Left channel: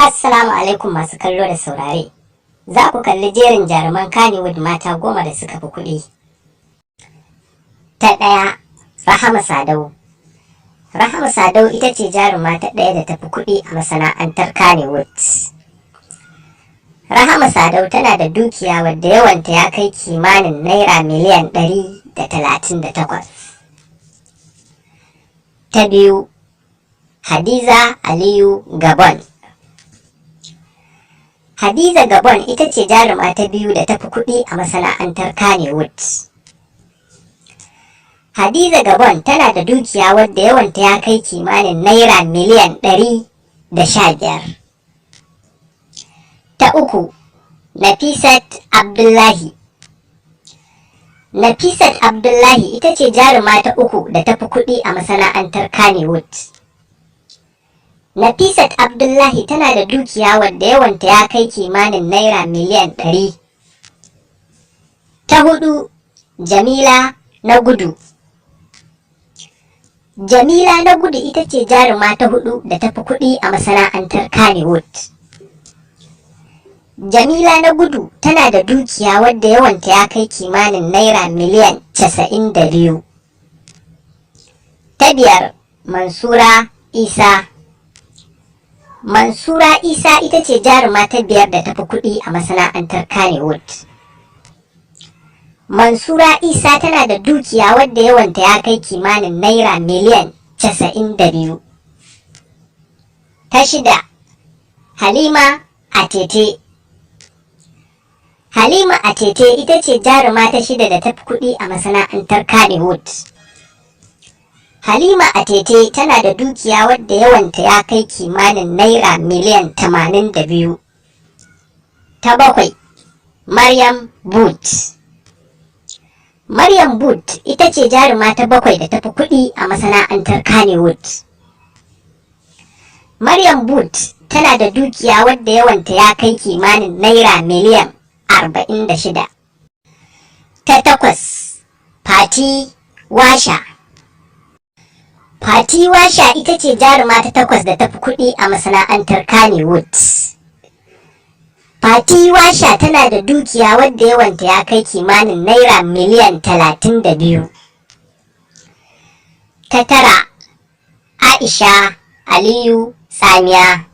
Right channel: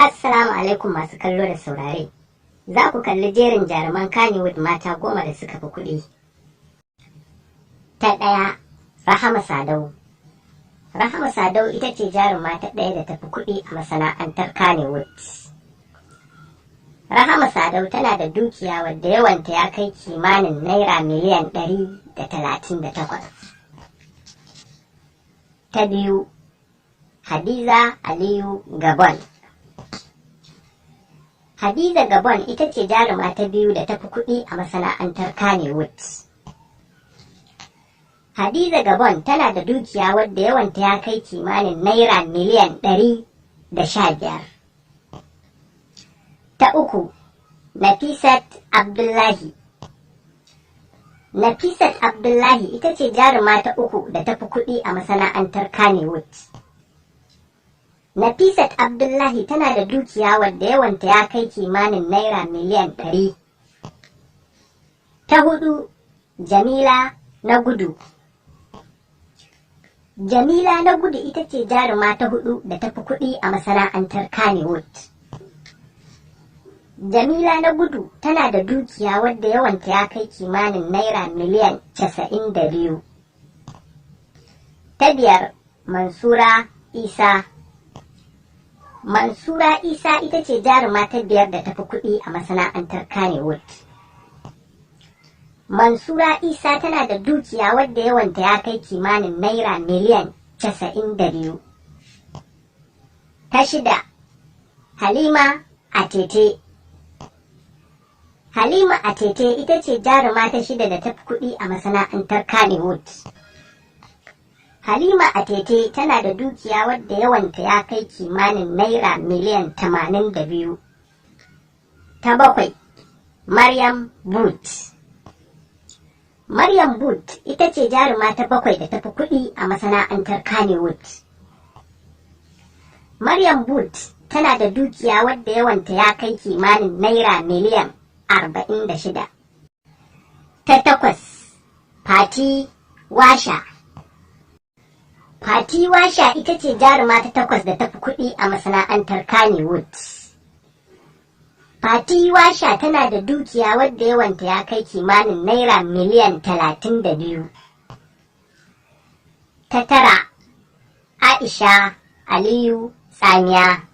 Assalamu alaikum masu kallo da saurare. Za ku kalli jerin jaruman Kannywood mata 10 da suka fi kuɗi. Ta ɗaya, Rahama Sadau. Rahama Sadau ita ce jaruma ta ɗaya da ta fi kuɗi a masana'antar Kannywood. Rahama Sadau tana da dukiya wadda yawanta ya kai kimanin naira miliyan 138. Ta biyu, Hadiza Aliyu Gabon. Hadiza Gabon ita ce jaruma ta biyu da ta fi kuɗi a masana'antar Kannywood. Hadiza Gabon tana da dukiya wadda yawanta ya kai kimanin naira miliyan 115. Ta uku, Nafisat Abdullahi. Nafisat Abdullahi ita ce jaruma ta uku da ta fi kuɗi a masana'antar Kannywood. Nafisat Abdullahi tana da dukiya wadda yawanta ya kai kimanin naira miliyan 100. Ta hudu, Jamila na Gudu. Jamila na Gudu ita ce jaruma ta hudu da ta fi kuɗi a masana'antar Kannywood. Jamila na Gudu tana da dukiya wadda yawanta ya kai kimanin naira miliyan 92. Ta biyar, Mansura Isa. Mansura Isa ita ce jaruma ta biyar da ta fi kuɗi a masana'antar Kannywood. Mansura Isa tana da dukiya wadda yawanta ya kai kimanin naira miliyan 92. Ta shida, Halima Atete. Halima Atete ita ce jaruma ta shida da ta fi kuɗi a masana'antar Kannywood. Halima Atete tana da dukiya wadda yawanta ya kai kimanin naira miliyan 82. Ta bakwai, Maryam Boot. Maryam Boot ita ce jaruma ta bakwai da ta fi kuɗi a masana'antar Kannywood. Maryam Boot tana da dukiya wadda yawanta ya kai kimanin naira miliyan 46. Ta takwas, Fati Washa. Fati Washa ita ce jaruma ta takwas da ta fi kuɗi a masana'antar Kannywood. Fati Washa tana da dukiya wadda yawanta ya kai kimanin naira miliyan 32. Ta tara, Aisha Aliyu Tsamiya.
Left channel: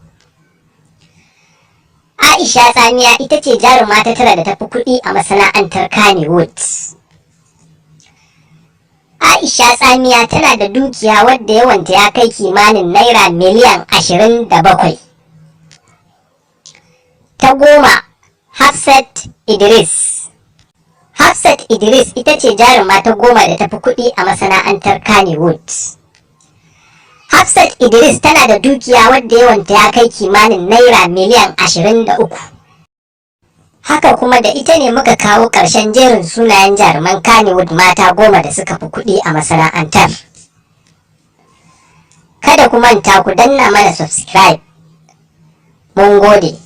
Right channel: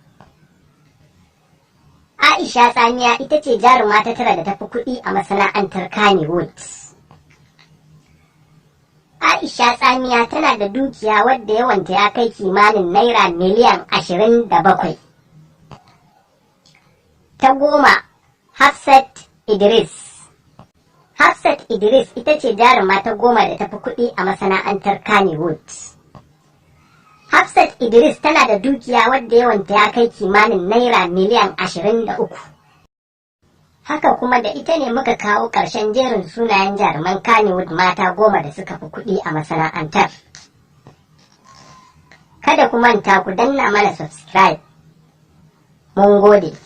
Aisha Tsamiya ita ce jaruma ta tara da ta fi kuɗi a masana'antar Kannywood. Aisha Tsamiya tana da dukiya wadda yawanta ya kai kimanin naira miliyan 27. Ta goma, Hafsat Idris. Hafsat Idris ita ce jaruma ta goma da ta fi kuɗi a masana'antar Kannywood. Hafsat Idris tana da dukiya wadda yawanta ya kai kimanin naira miliyan 23. Haka kuma da ita ne muka kawo ƙarshen jerin sunayen jaruman Kannywood mata 10 da suka fi kuɗi a masana'antar. Kada ku manta ku danna mana subscribe. Mun gode.